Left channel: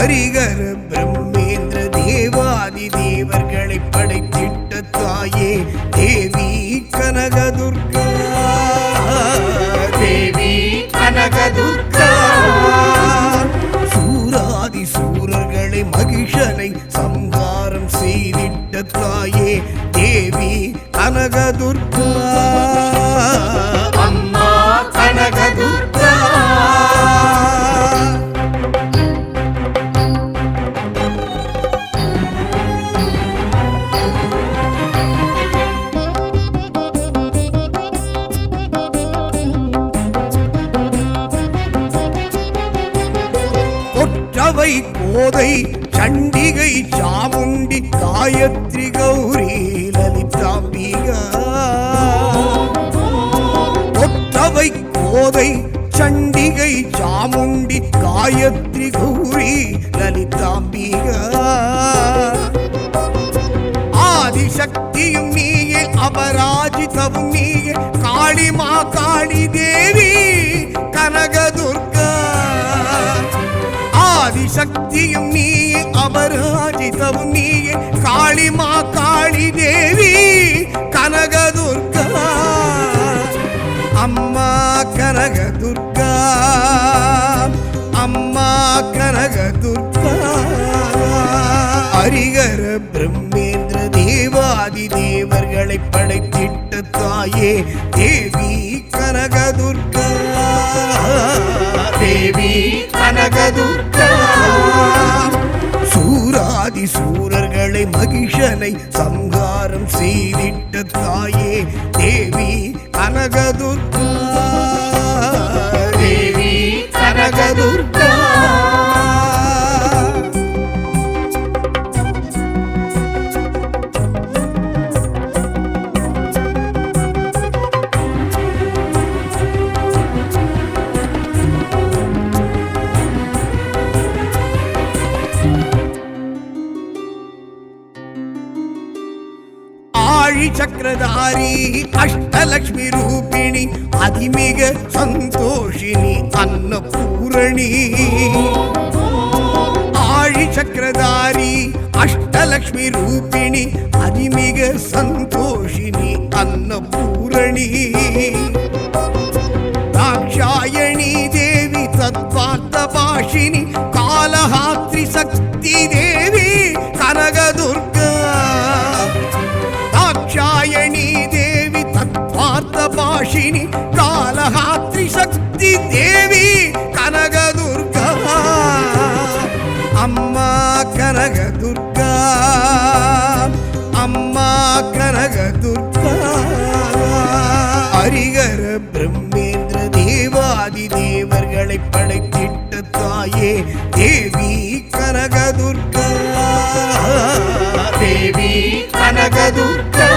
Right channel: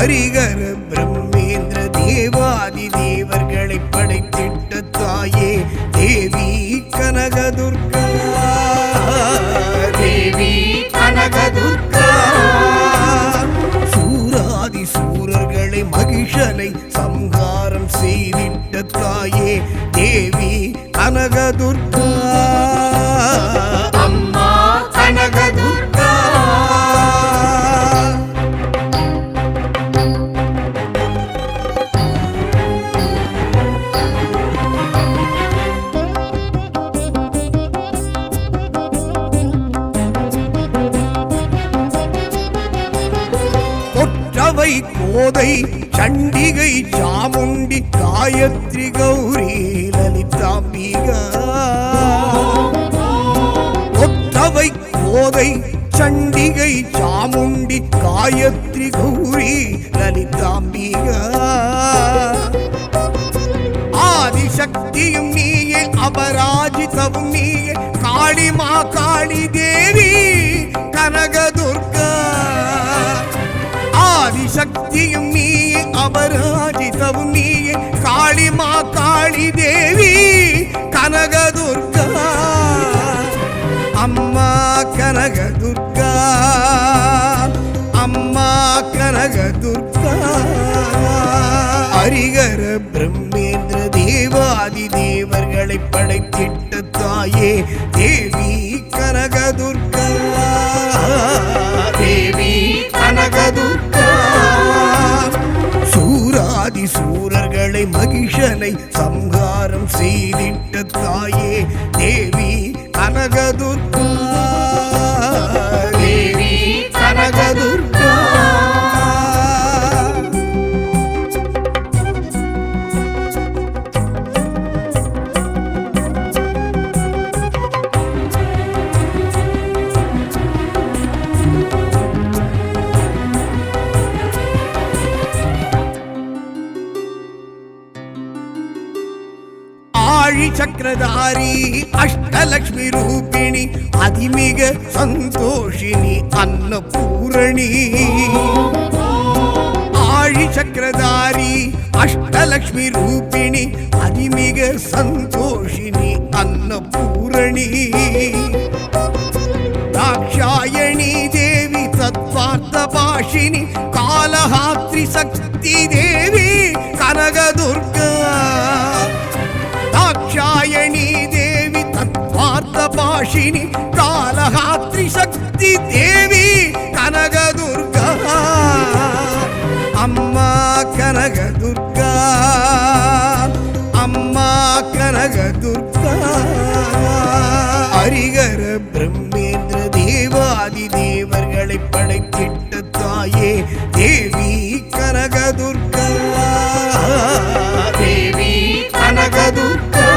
ஹரிகர பிரம்மேந்திர தேவாதி தேவர்களை படைத்திட்ட தாயே தேவி கனகதுர்கா, தேவி கனகதுர்கா. சூராதி சூரர்களை மகிஷனை சம்ஹாரம் செய்திட்ட தாயே தேவி கனகதுர்கா, அம்மா கனகதுர்கா. கொற்றவை கோதை சண்டிகை சாமுண்டி காயத்ரி கௌரி லலிதாம்பிகா. கொற்றவை கோதை சண்டிகை சாமுண்டி காயத்ரி கௌரி லலிதாம்பிகா. ஆதிசக்தியும் நீயே அபராஜிதவும் நீயே காளிமா காளி தேவி கனகதுர்கா. ஆதிசக்தியும் நீயே அபராஜிதவும் நீயே காளிமா காளி தேவி கனகதுர்கா. அம்மா கனகதுர்கா, அம்மா கனகதுர்கா. ஹரிகர பிரம்மேந்திர தேவாதி தேவர்களை படைத்திட்ட தாயே தேவி கனகதுர்கா, தேவி கனகதுர்கா. சூராதி சூரர்களை மகிஷனை சம்ஹாரம் செய்திட்ட தாயே தேவி கனகதுர்கா, தேவி கனகதுர்கா. ஆழி சக்கரதாரி அஷ்டலக்ஷ்மி ரூபிணி அதிமிக சந்தோஷினி அன்னபூரணி. ஆழி சக்கரதாரி அஷ்டலக்ஷ்மி ரூபிணி அதிமிக சந்தோஷினி அன்னபூரணி. தாக்ஷாயணி தேவி தத்வார்த்த பாஷினி காலஹாத்ரி சக்தி தேவி கனகதுர்கா. தாக்ஷாயணி தேவி தத்வார்த்த பாஷினி காலஹாத்ரி சக்தி தேவி கனகதுர்கா. அம்மா கனகதுர்கா, அம்மா கனகதுர்கா. ஹரிகர பிரம்மேந்திர தேவாதி தேவர்களை படைத்திட்ட தாயே தேவி கனகதுர்கா, தேவி கனகதுர்கா.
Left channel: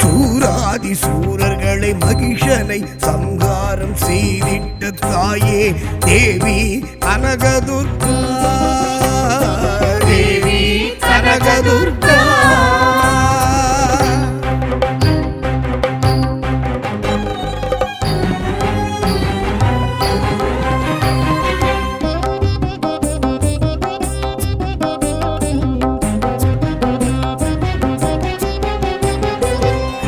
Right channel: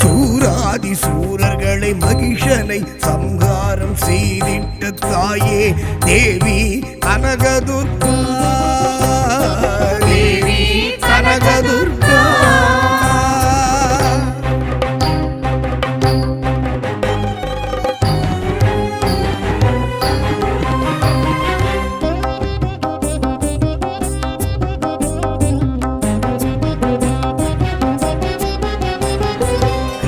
சூராதி சூரர்களை மகிஷனை சம்ஹாரம் செய்திட்ட தாயே தேவி கனகதுர்கா, தேவி கனகதுர்கா.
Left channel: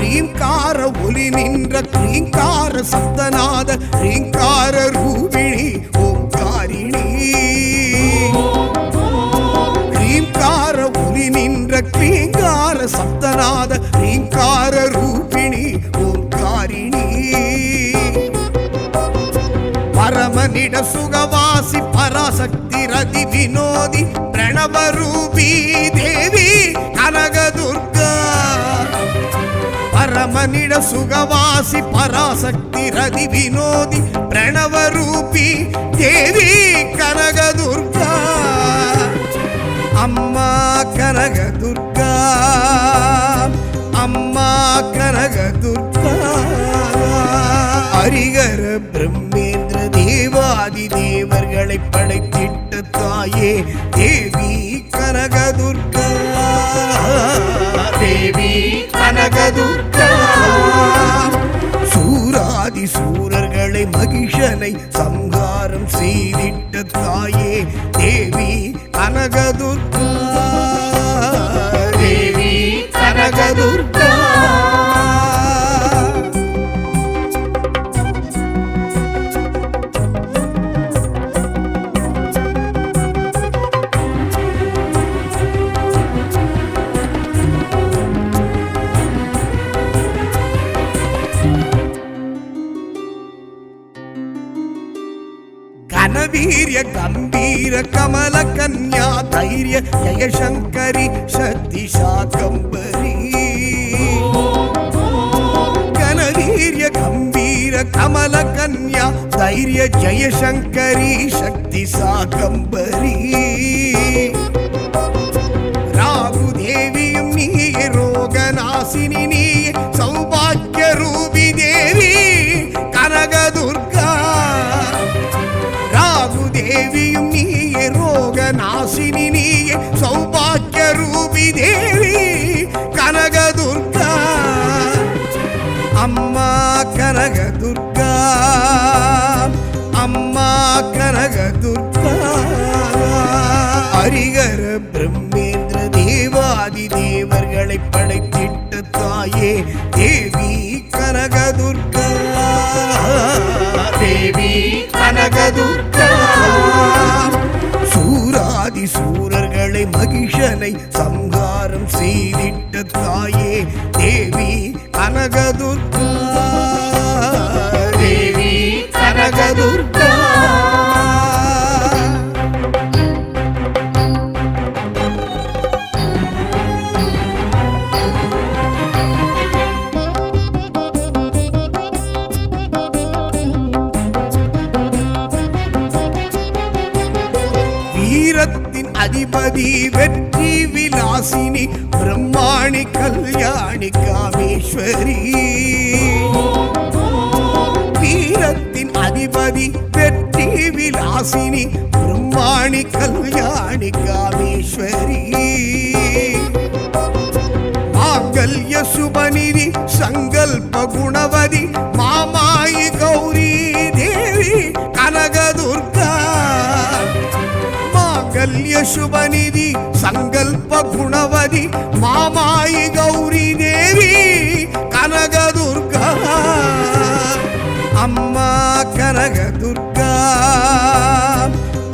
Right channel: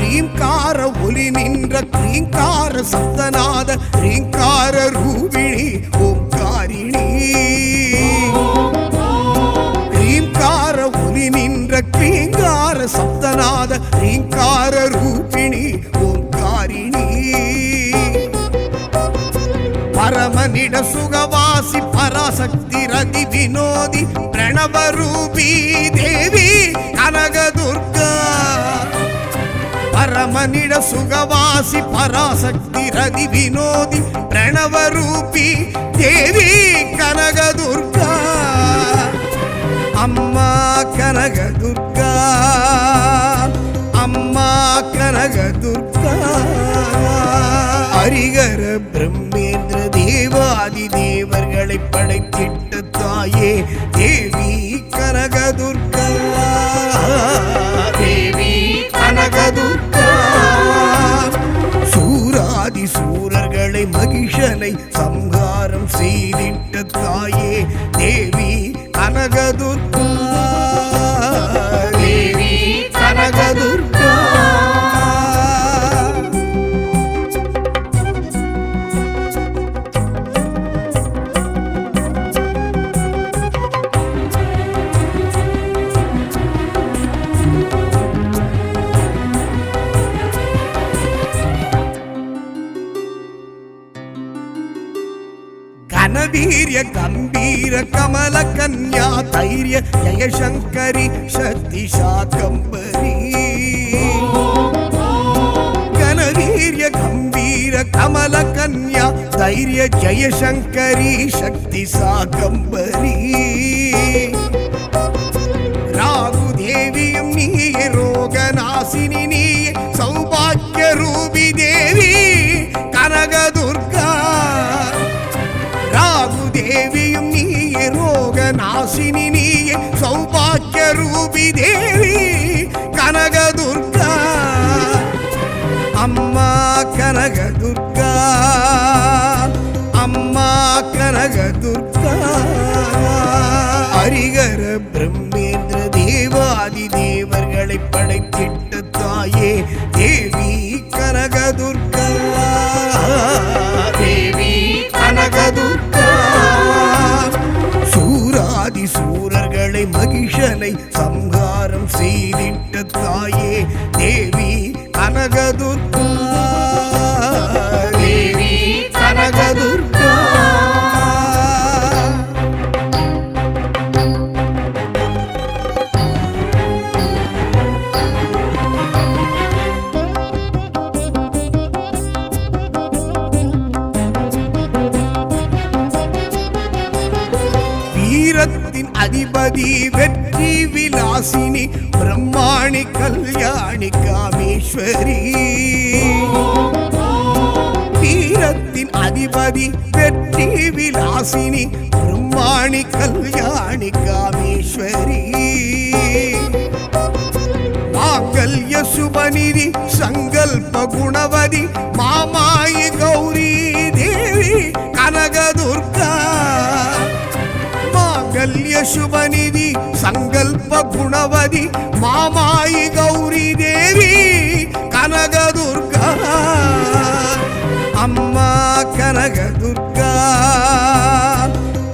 ரீங்கார ஒலி நின்ற கிரீங்கார சப்தநாத ரீங்கார ரூபிணி ஓங்காரிணி. ரீங்கார ஒலி நின்ற கிரீங்கார சப்தநாத ரீங்கார ரூபிணி ஓங்காரிணி. பரமனிட சுகவாசி பராசக்தி ரதி வினோதி பிரணவரூபி தேவி கனகதுர்கா. பரமனிட சுகவாசி பராசக்தி ரதி வினோதி பிரணவரூபி தேவி கனகதுர்கா. அம்மா கனகதுர்கா, அம்மா கனகதுர்கா. ஹரிகர பிரம்மேந்திர தேவாதி தேவர்களை படைத்திட்ட தாயே தேவி கனகதுர்கா, தேவி கனகதுர்கா. சூராதி சூராதி சூரர்களை மகிஷனை சம்ஹாரம் செய்திட்ட தாயே தேவி கனகதுர்கா, தேவி கனகதுர்கா. ಘನವೀರ್ಯ ಗಂಭೀರ ಕಮಲ ಕನ್ಯಾ ಧೈರ್ಯ ಜಯಶಂಕರಿ ಶಕ್ತಿ ಶಾಕಂಬರಿ. ಘನವೀರ್ಯ ಗಂಭೀರ ಕಮಲ ಕನ್ಯಾ ಧೈರ್ಯ ಜಯಶಂಕರಿ ಶಕ್ತಿ ಶಾಕಂಬರಿ. ராகுதேவியும் நீயே, ரோகநாசினி நீயே, சௌபாக்கிய ரூபி தேவி கனகதுர்கா. ராகுதேவியும் நீயே, ரோகநாசினி நீயே, சௌபாக்கிய ரூபி தேவி கனகதுர்கா. அம்மா கனகதுர்கா, அம்மா கனகதுர்கா. ஹரிகர பிரம்மேந்திர தேவாதி தேவர்களை படைத்திட்ட தாயே தேவி கனகதுர்கா, தேவி கனகதுர்கா. சூராதி சூரர்களை மகிஷனை சம்ஹாரம் செய்திட்ட தாயே தேவி கனகதுர்கா, தேவி கனகதுர்கா. வீரத்தின் அதிபதி வெற்றி விலாசினி பிரம்மாணி கல்யாணி காமேஸ்வரி. வீரத்தின் அதிபதி வெற்றி விலாசினி பிரம்மாணி கல்யாணி காமேஸ்வரி. மாங்கல்ய சுபநிதி சங்கல்ப குணவதி மாமாயி கௌரி தேவி கனகதுர்கா. மாங்கல்ய சுபநிதி சங்கல்ப குணவதி மாமாயி கௌரி தேவி கனகதுர்கா. அம்மா கனகதுர்கா,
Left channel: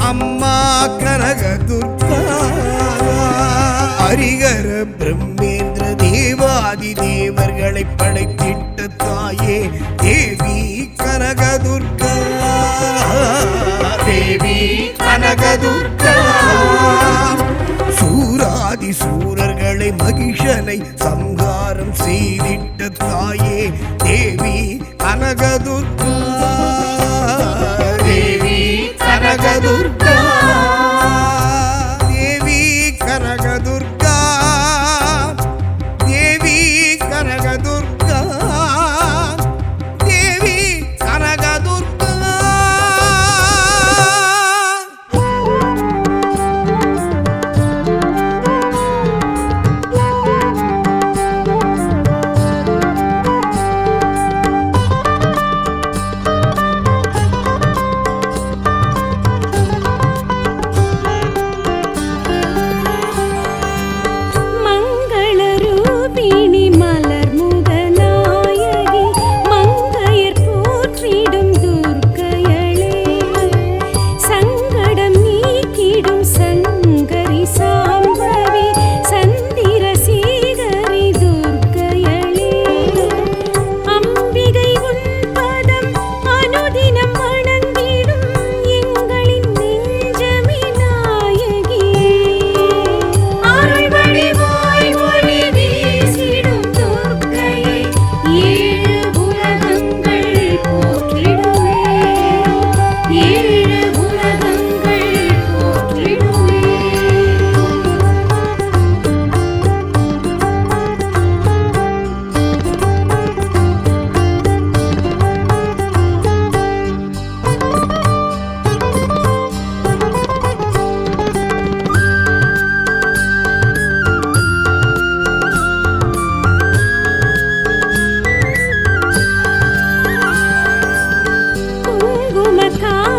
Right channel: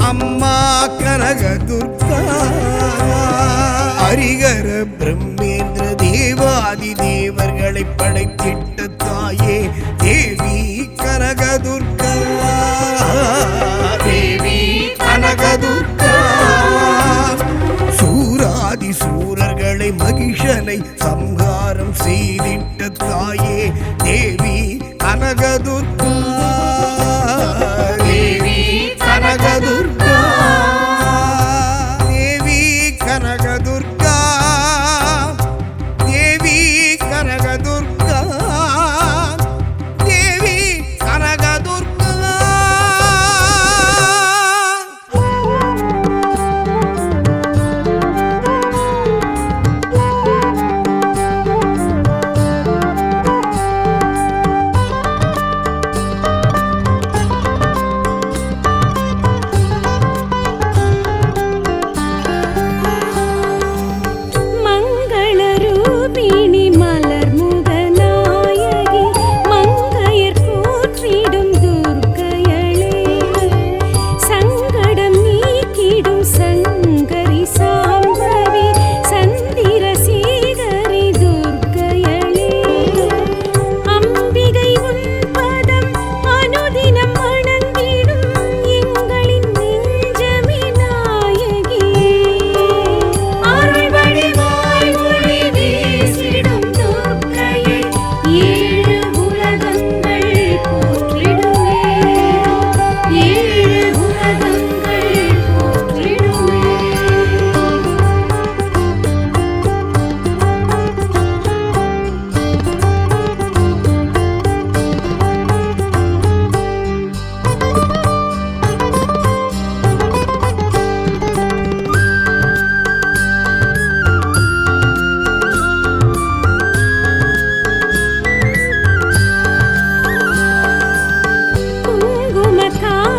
அம்மா கனகதுர்கா. ஹரிகர பிரம்மேந்திர தேவாதி தேவர்களை படைத்திட்ட தாயே தேவி கனகதுர்கா, தேவி கனகதுர்கா. சூராதி சூரர்களை மகிஷனை சம்ஹாரம் செய்திட்ட தாயே தேவி கனகதுர்கா, தேவி கனகதுர்கா. தேவி கனகதுர்கா, தேவி கனகதுர்கா, தேவி கனகதுர்கா.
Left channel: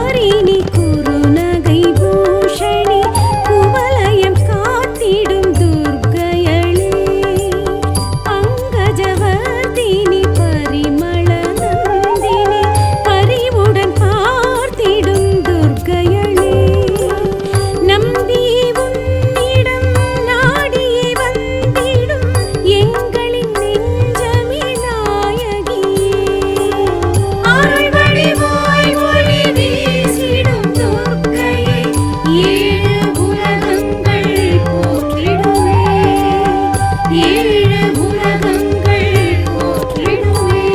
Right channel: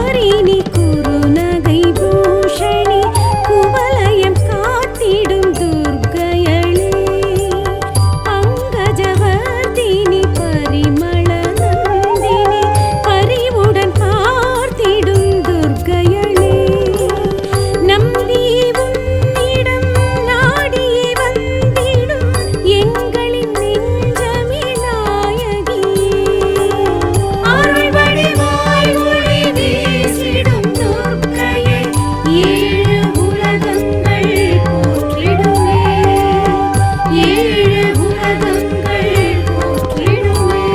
குமாரினி குறுநகை பூஷணி குவலயம் காத்திடும் துர்க்கையளே பங்கஜவர்தினி பரிமள நந்தினி பரிவுடன் பார்த்திடும் துர்க்கையளே நம்பி உன்னிடம் நாடியே வந்திடும் எங்களின் நெஞ்சமே நாயகியே அருள் வடிவாய் ஒளி வீசிடும் துர்க்கையே ஏழு உலகங்கள் போற்றிடுமே ஏழு உலகங்கள் போற்றிடுமே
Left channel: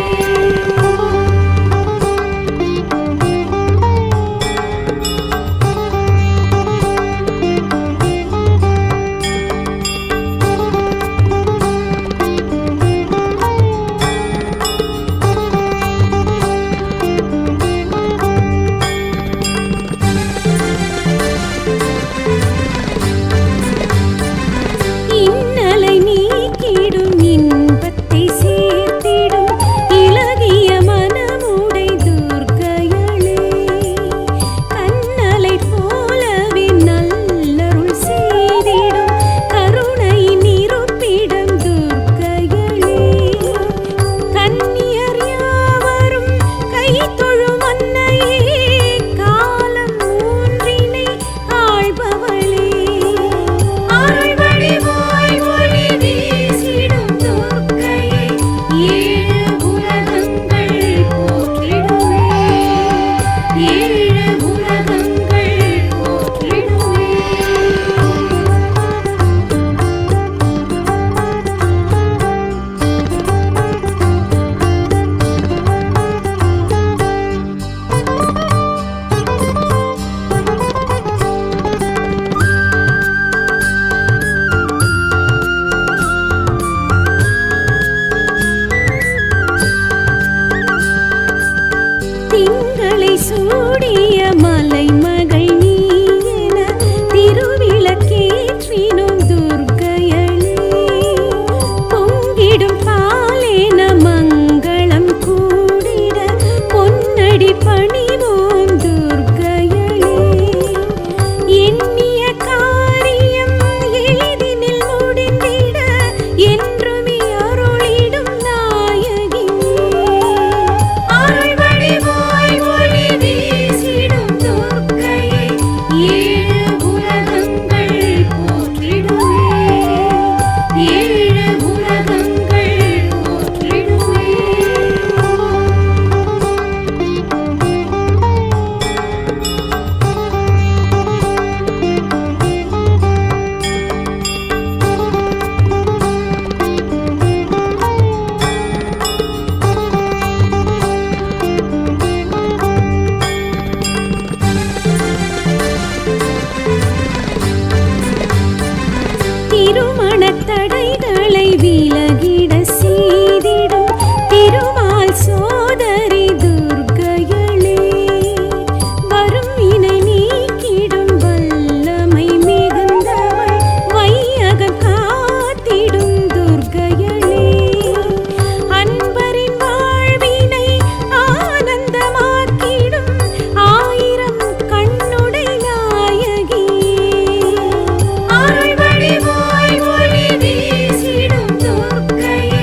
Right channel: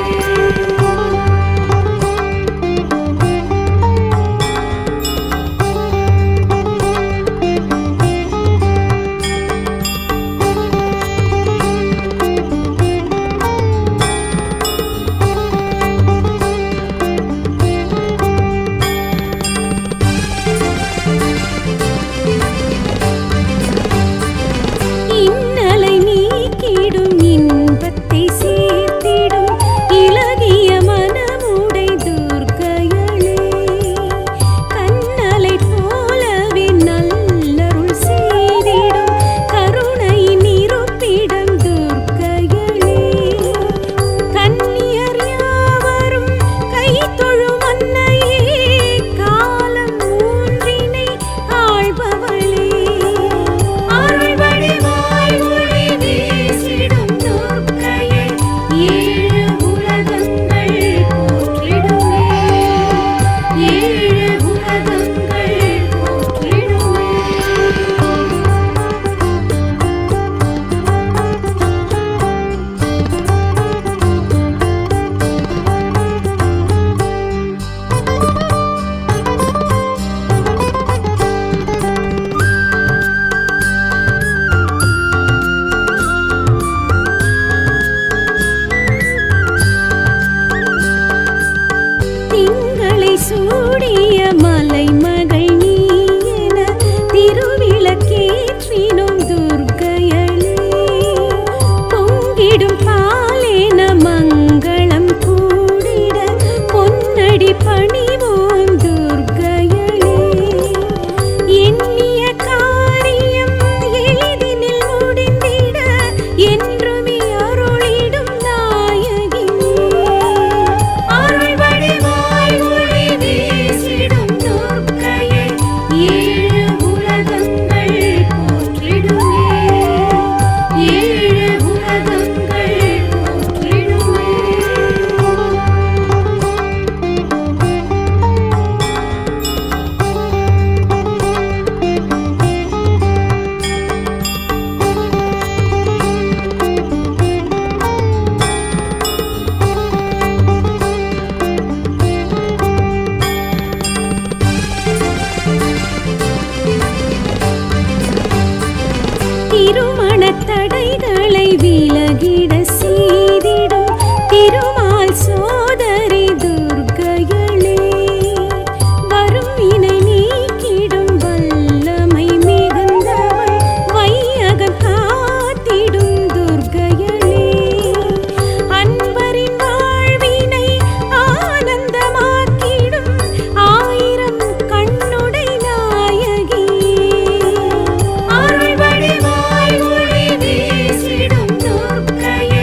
இன்னலை நீக்கிடும் இன்பத்தை சேர்த்திடும் இலகிய மனமுடை துர்க்கையளே கண்ணலை போலவே நல்லருள் செய்திடும் கருணையின் இருப்பிடம் துர்க்கையளே கன்னியர் யாவரும் கை தொழும் அன்னையே காலம் மூன்றினை ஆள்பவளே அருள் வடிவாய் ஒளி வீசிடும் துர்க்கையே ஏழு உலகங்கள் போற்றிடுமே ஏழு உலகங்கள் போற்றிடுமே திங்களை சூடிய மலை மகள் நீ என திருவிளக்கேற்றினோம் துர்க்கையளே பொங்கிடும் பாலேன மங்களம் கூடிட பொன்னடி பணிவோம் துர்க்கையளே எண்ணிய காரியம் எளிதினில் முடிந்திட என்றுமே அருளிடும் நாயகியே அருள் வடிவாய் ஒளி வீசிடும் துர்க்கையே ஏழு உலகங்கள் போற்றிடுமே ஏழு உலகங்கள் போற்றிடுமே திருமணத் தடைகளை விலகிட செய்திடும் திருமால் சோதரி துர்க்கையளே வரும் வினை நீக்கிடும் வல்லமை மிகுந்தவள் வையகம் காத்திடும் துர்க்கையளே அன்பரின் வாழ்வினை ஆனந்தமாக்கிடும் ஆயிரம் கண்ணுடை நாயகியே அருள் வடிவாய் ஒளி வீசிடும் துர்க்கையே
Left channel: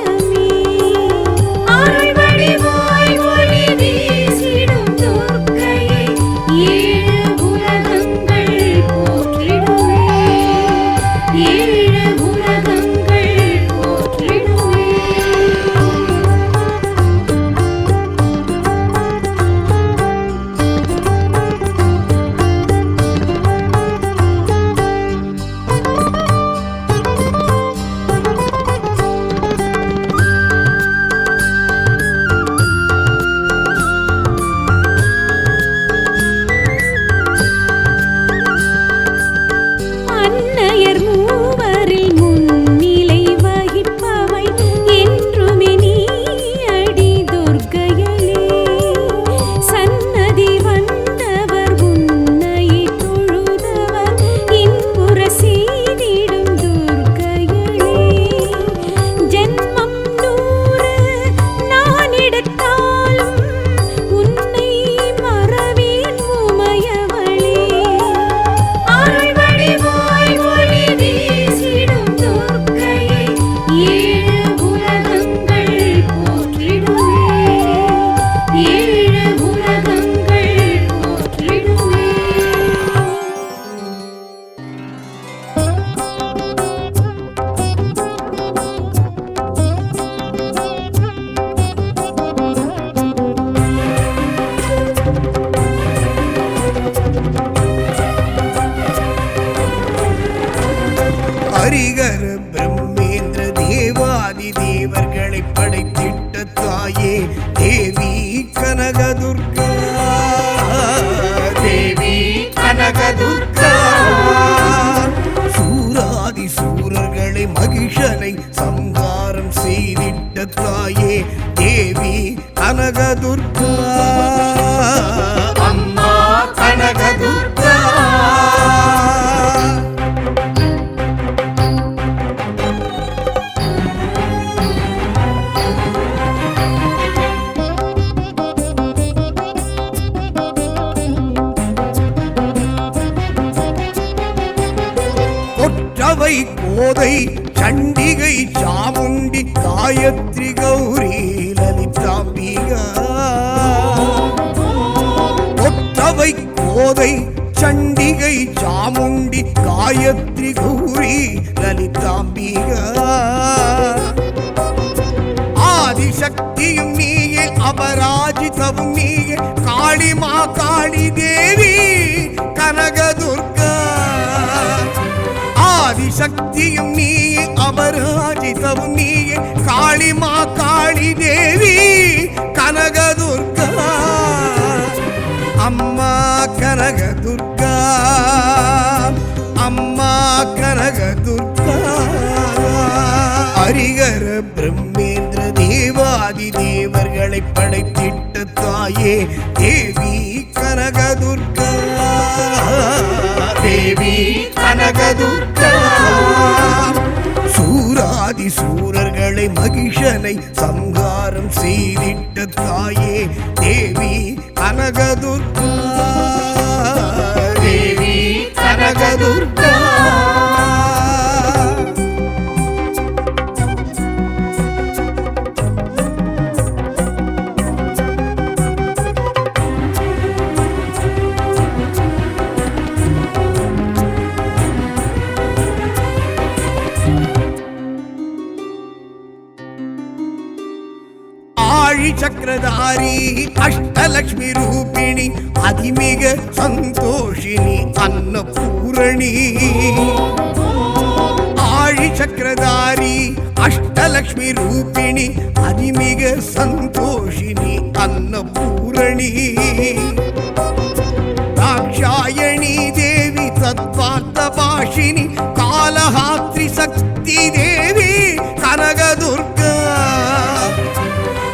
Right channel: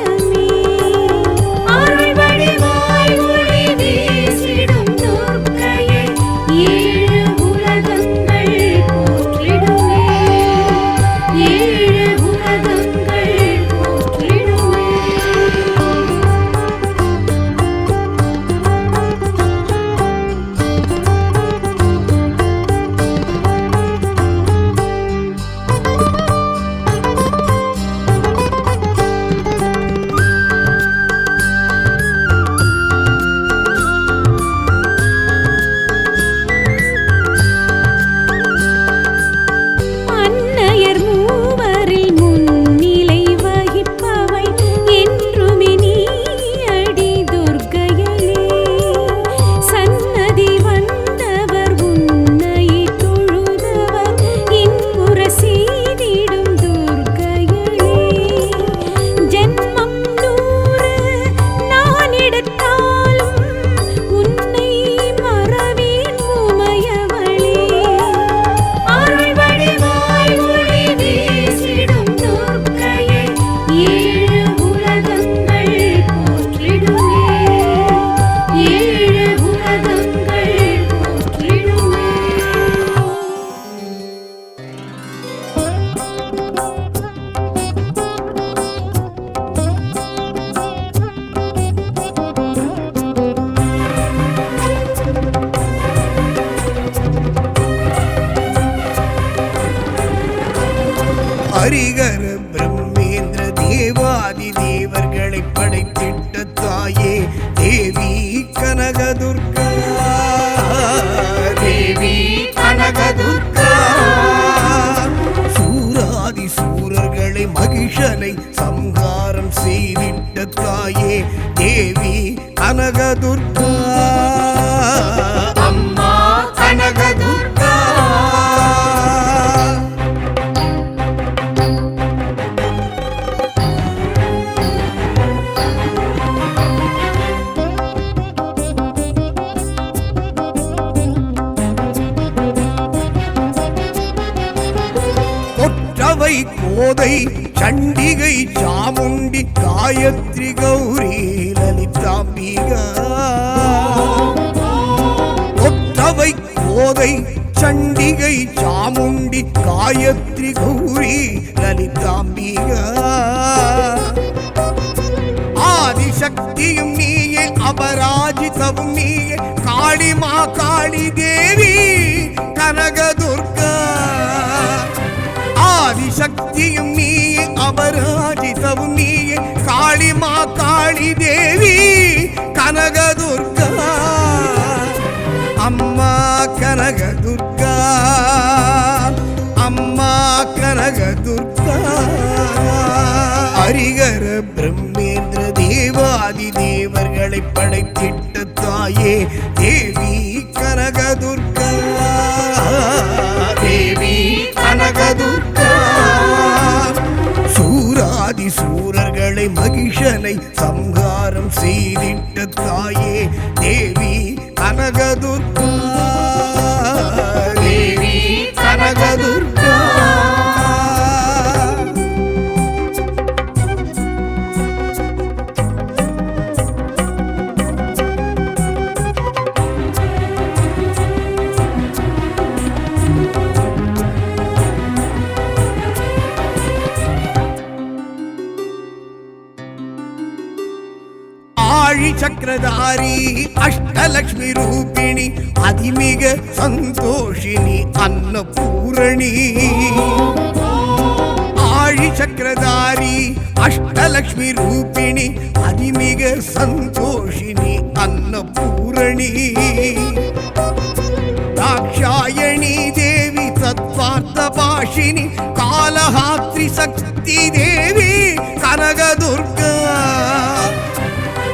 நியாயமே அருள் வடிவாய் ஒளி வீசிடும் துர்க்கையை ஏழு உலகங்கள் போற்றிடுமே ஏழு உலகங்கள் போற்றிடுமே அன்னையர் மூவரில் முன்னிலை வகிப்பவை என்றுமே நீ அடி துர்க்கையளே சன்னதி வந்தவர் உன்னை தொழுதவர் இன்புற செய்திடும் துர்க்கையளே ஜென்மம் 100 நான் எடுத்தாலும் உன்னை மறவேன் உமையவளே அருள் வடிவாய் ஒளி வீசிடும் துர்க்கையை ஏழு உலகங்கள் போற்றிடுமே ஏழு உலகங்கள் போற்றிடுமே ஹரிகர பிரம்மேந்திர தேவாதி தேவர்களை படைத்திட்ட தாயே தேவி கனகதுர்கா தேவி கனகதுர்கா சூராதி சூரர்களை மகிஷனை சம்ஹாரம் செய்திட்ட தாயே தேவி கனகதுர்கா அம்மா கனகதுர்கா கொற்றவை கோதை சண்டிகை சாமுண்டி காயத்ரி கௌரி லலிதாம்பிகா கொற்றவை கோதை சண்டிகை சாமுண்டி காயத்ரி கௌரி லலிதாம்பிகா ஆதிசக்தியும் நீயே அபராஜிதவும் நீயே காளிமா காளி தேவி கனகதுர்கா ஆதிசக்தியும் நீயே அபராஜிதவும் நீயே காளிமா காளி தேவி கனகதுர்கா அம்மா கனகதுர்கா அம்மா கனகதுர்கா ஹரிகர பிரம்மேந்திர தேவாதி தேவர்களை படைத்திட்ட தாயே தேவி கனகதுர்கா தேவி கனகதுர்கா சூராதி சூரர்களை மகிஷனை சம்ஹாரம் செய்திட்ட தாயே தேவி கனகதுர்கா தேவி கனகதுர்கா ஆழி சக்கரதாரி அஷ்டலக்ஷ்மி ரூபிணி அதிமிக சந்தோஷினி அன்னபூரணி ஆழி சக்கரதாரி அஷ்டலக்ஷ்மி ரூபிணி அதிமிக சந்தோஷினி அன்னபூரணி தாக்ஷாயணி தேவி தத்வார்த்த பாஷினி காலஹாத்ரி சக்தி தேவி கனகதுர்கா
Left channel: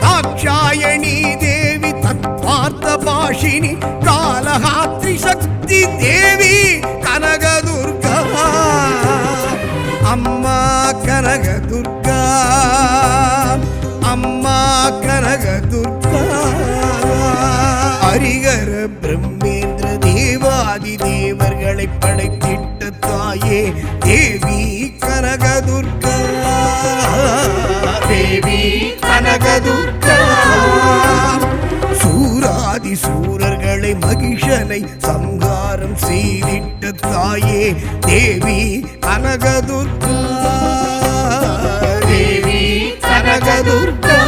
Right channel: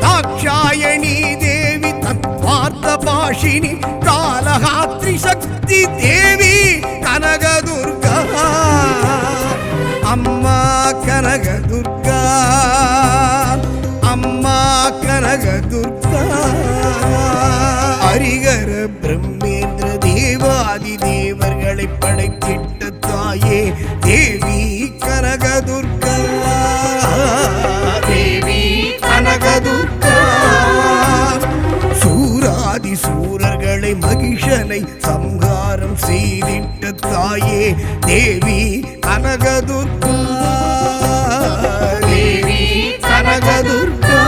தாக்ஷாயணி தேவி தத்வார்த்த பாஷினி காலஹாத்ரி சக்தி தேவி கனகதுர்கா அம்மா கனகதுர்கா அம்மா கனகதுர்கா ஹரிகர பிரம்மேந்திர தேவாதி தேவர்களை படைத்திட்ட தாயே தேவி கனகதுர்கா தேவி கனகதுர்கா. சூராதி சூரர்களை மகிஷனை சம்ஹாரம் செய்திட்ட தாயே தேவி கனகதுர்கா. தேவி கனகதுர்கா.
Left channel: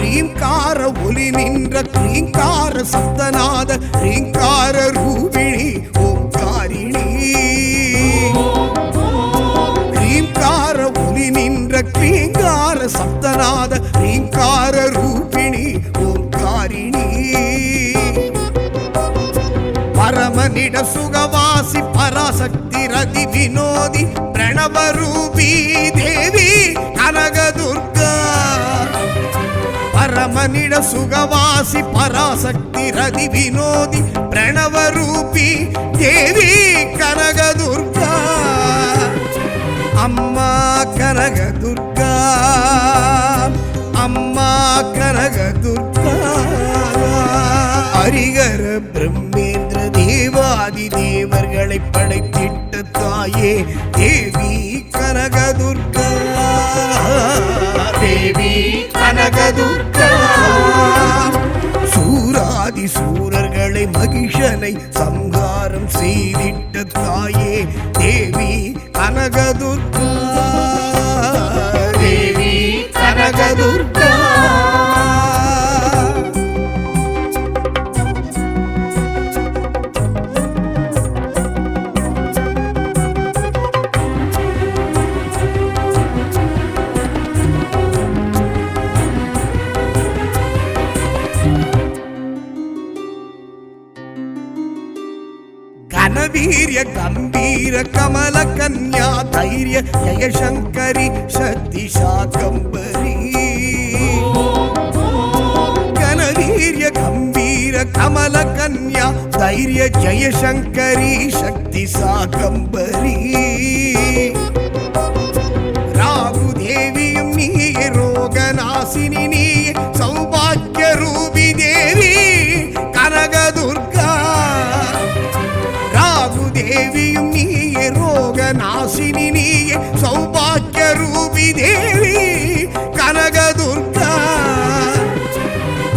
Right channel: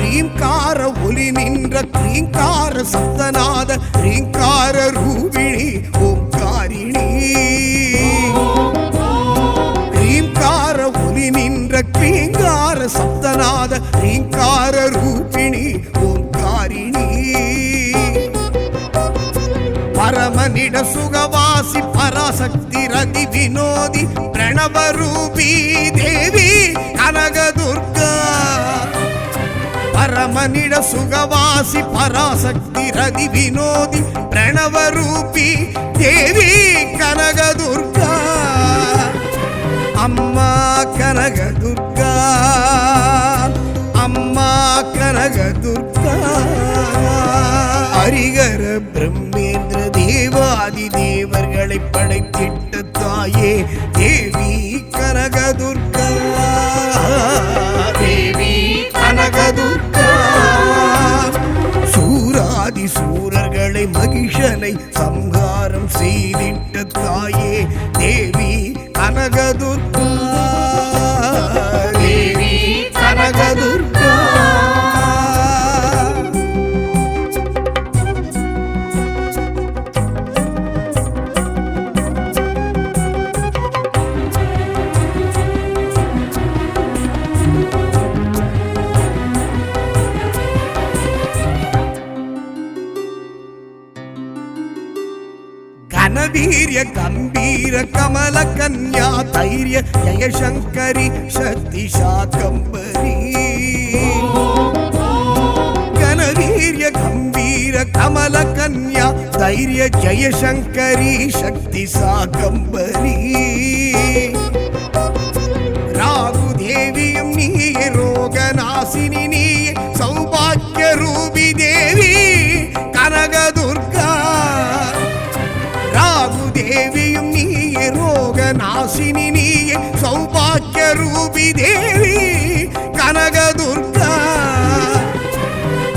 ரீங்கார ஒலி நின்ற கிரீங்கார சப்தநாத ரீங்கார ரூபிணி ஓம்காரிணி. ரீங்கார ஒலி நின்ற கிரீங்கார சப்தநாத ரீங்கார ரூபிணி ஓம்காரிணி. பரமனிட சுகவாசி பராசக்தி ரதி வினோதி பிரணவரூபி தேவி கனகதுர்கா. பரமனிட சுகவாசி பராசக்தி ரதி வினோதி பிரணவரூபி தேவி கனகதுர்கா. அம்மா கனகதுர்கா. அம்மா கனகதுர்கா. ஹரிஹர பிரம்மேந்திர தேவாதி தேவர்களை படைத்திட்ட தாயே தேவி கனகதுர்கா. தேவி கனகதுர்கா. சூராதி சூரர்களை மகிஷனை சம்ஹாரம் செய்திட்ட தாயே தேவி கனகதுர்கா. தேவி கனகதுர்கா. கனவீரிய கம்பீர கமல கன்யா தைரிய ஜெயசங்கரி சக்தி சாகம்பரி. கனவீரிய கம்பீர கமல கன்யா தைரிய ஜெயசங்கரி சக்தி சாகம்பரி. ராகு தேவியும் நீயே ரோகநாசினி நீயே சௌபாக்கிய ரூபி தேவி கனகதுர்கா. ராகு தேவியும் நீயே ரோகநாசினி நீயே சௌபாக்கிய ரூபி தேவி கனகதுர்கா.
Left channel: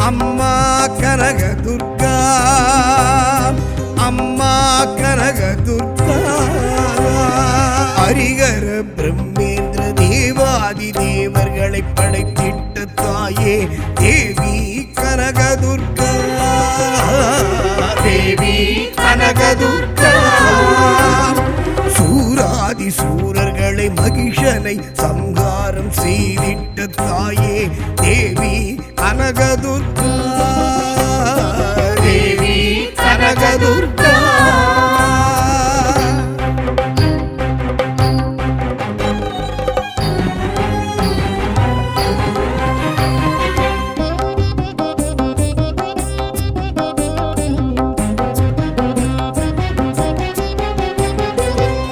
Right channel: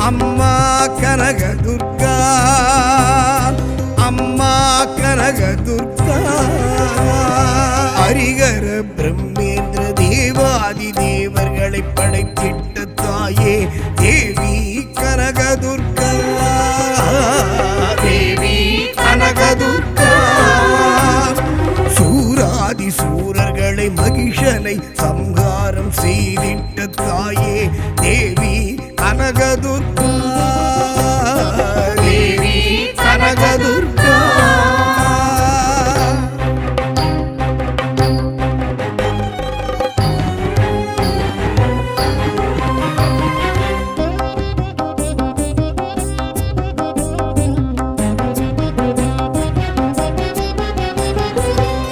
அம்மா கனகதுர்கா. அம்மா கனகதுர்கா. ஹரிஹர பிரம்மேந்திர தேவாதி தேவர்களை படைத்திட்ட தாயே தேவி கனகதுர்கா. தேவி கனகதுர்கா. சூராதி சூரர்களை மகிஷனை சம்ஹாரம் செய்திட்ட தாயே தேவி கனகதுர்கா. தேவி கனகதுர்கா.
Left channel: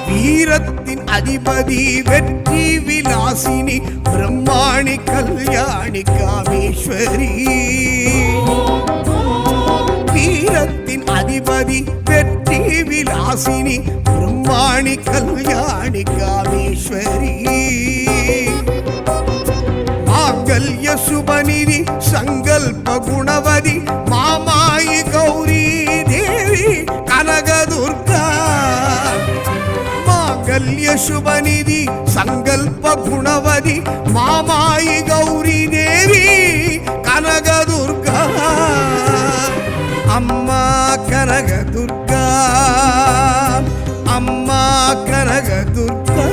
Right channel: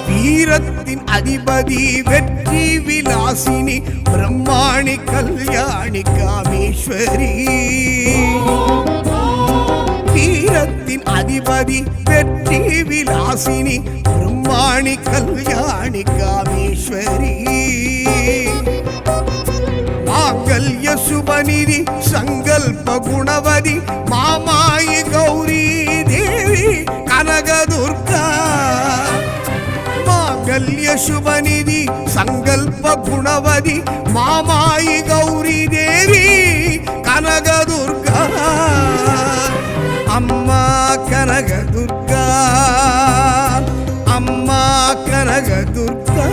வீரத்தின் அதிபதி வெற்றி விலாசினி பிரம்மாணி கல்யாணி காமேஸ்வரி. வீரத்தின் அதிபதி வெற்றி விலாசினி பிரம்மாணி கல்யாணி காமேஸ்வரி. மாங்கல்ய சுபநிதி சங்கல்ப குணவதி மாமாயி கௌரி தேவி கனகதுர்கா. மாங்கல்ய சுபநிதி சங்கல்ப குணவதி மாமாயி கௌரி தேவி கனகதுர்கா. அம்மா கனகதுர்கா. அம்மா கனகதுர்கா.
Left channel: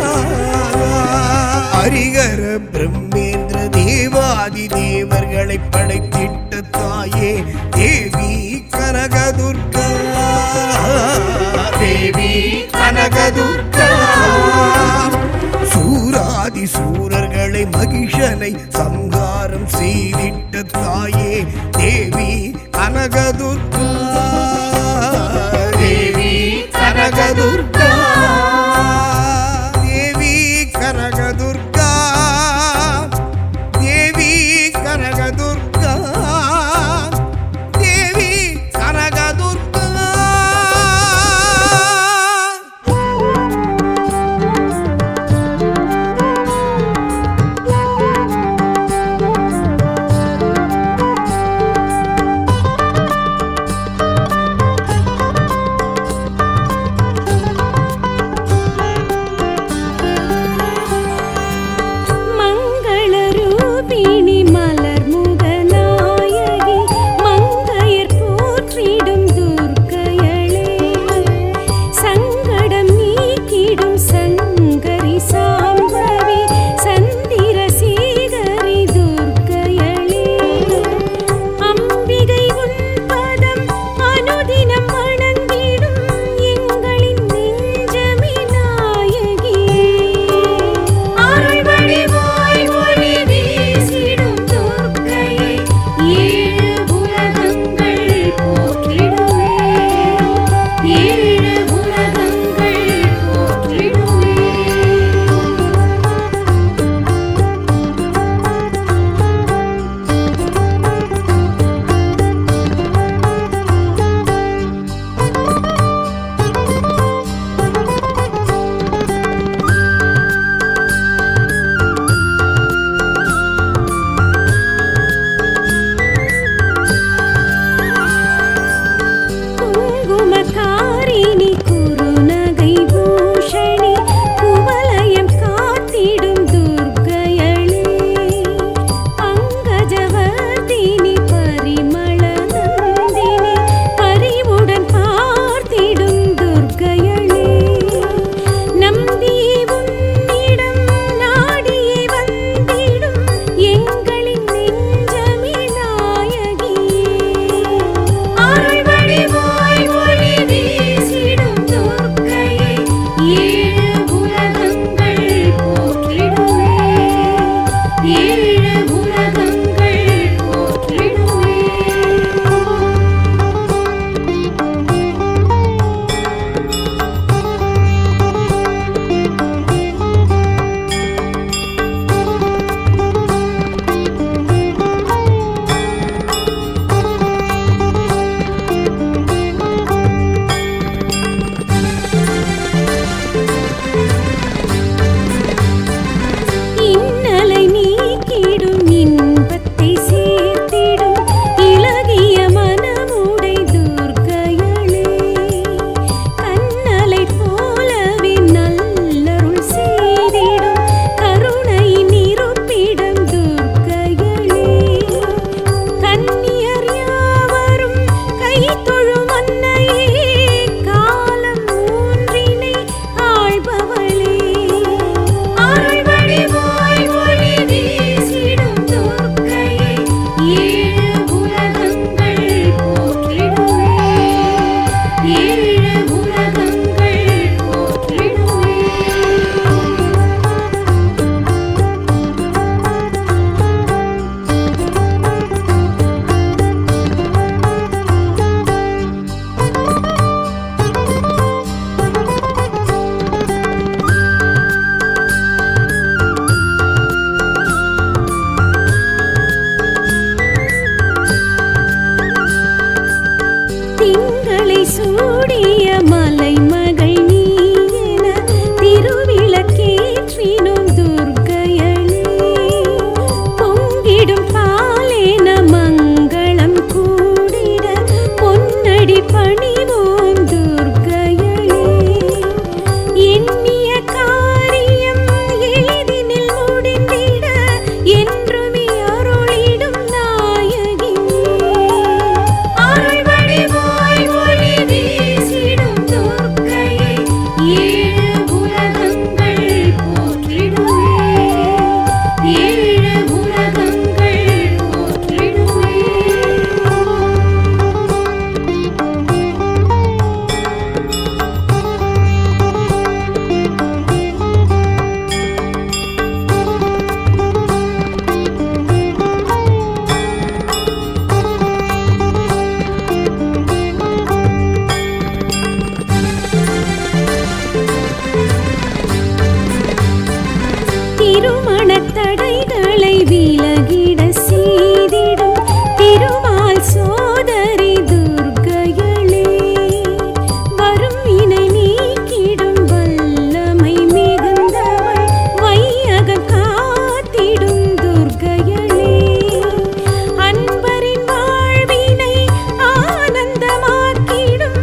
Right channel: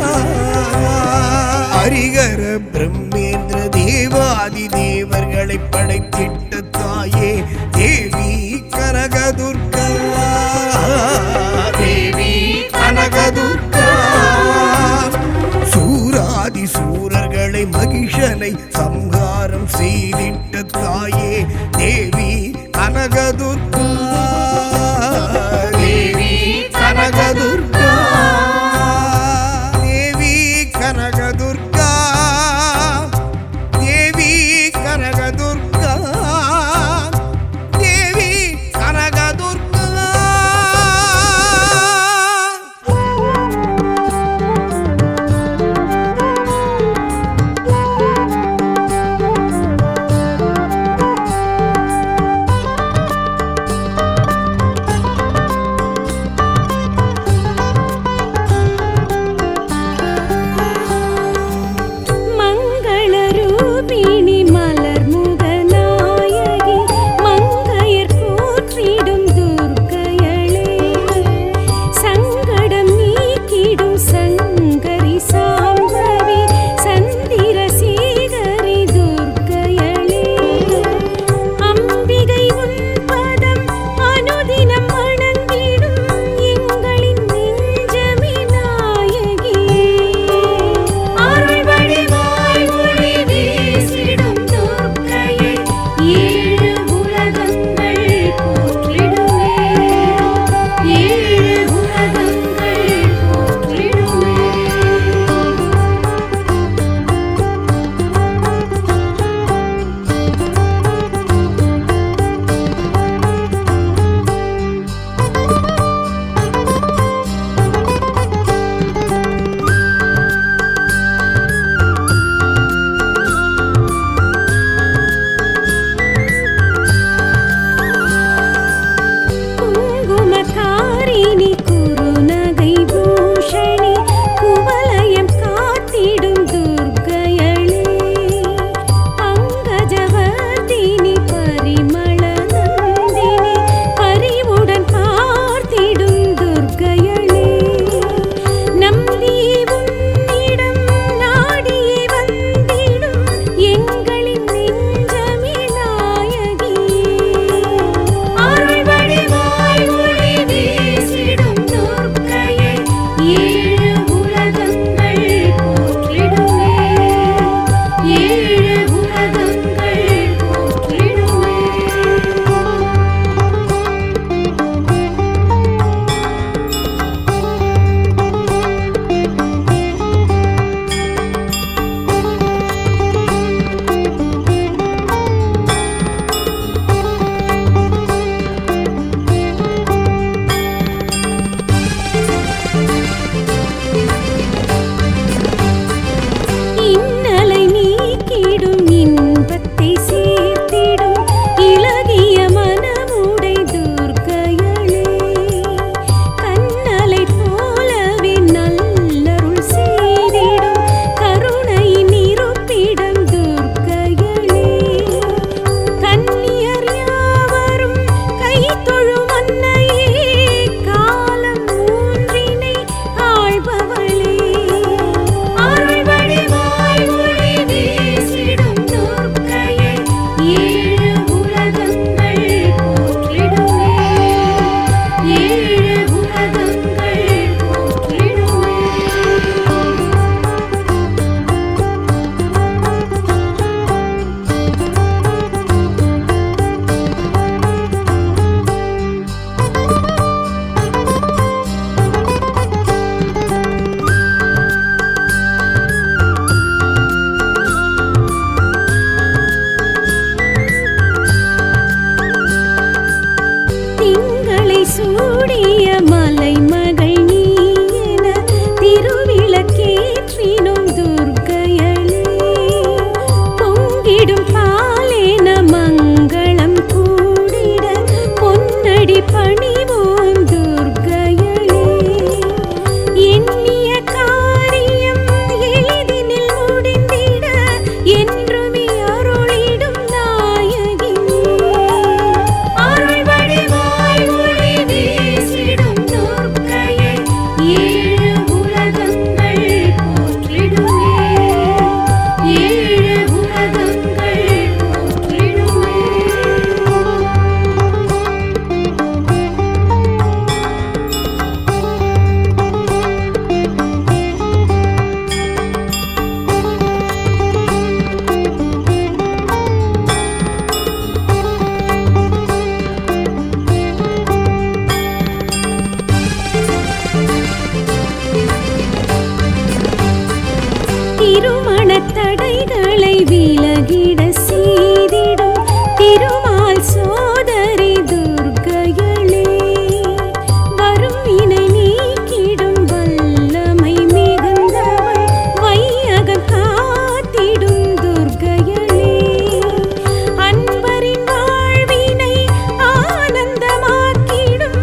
ஹரிஹர பிரம்மேந்திர தேவாதி தேவர்களை படைத்திட்ட தாயே தேவி கனகதுர்கா. தேவி கனகதுர்கா. சூராதி சூரர்களை மகிஷனை சம்ஹாரம் செய்திட்ட தாயே தேவி கனகதுர்கா. தேவி கனகதுர்கா. தேவி கனகதுர்கா. தடைகளை விலகிட செய்திடும் திருமால் சோதரி துர்க்கையளே, வரும் வினை நீக்கிடும் வல்லமை மிகுந்தவள், வையகம் காத்திடும் துர்க்கையளே, அன்பரின் வாழ்வினை ஆனந்தமாக்கிடும்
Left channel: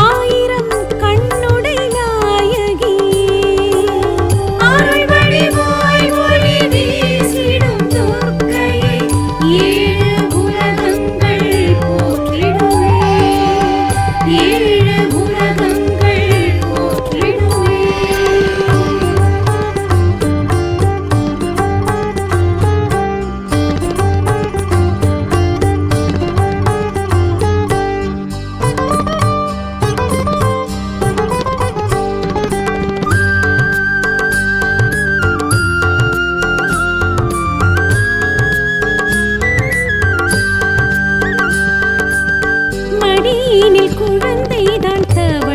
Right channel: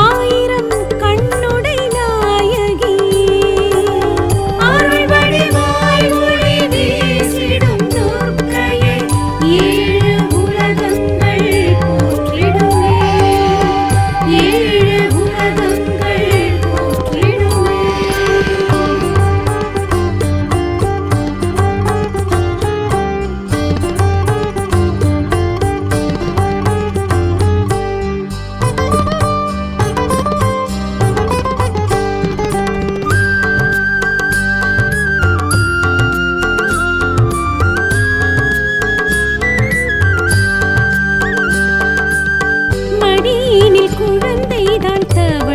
ஆயிரம் கண்ணுடை நாயகியே, அருள் வடிவாய் ஒளி வீசிடும் துர்க்கையே, ஏழு உலகங்கள் போற்றிடுமே, ஏழு உலகங்கள் போற்றிடுமே. மடியினில் குழந்தைதான் தவ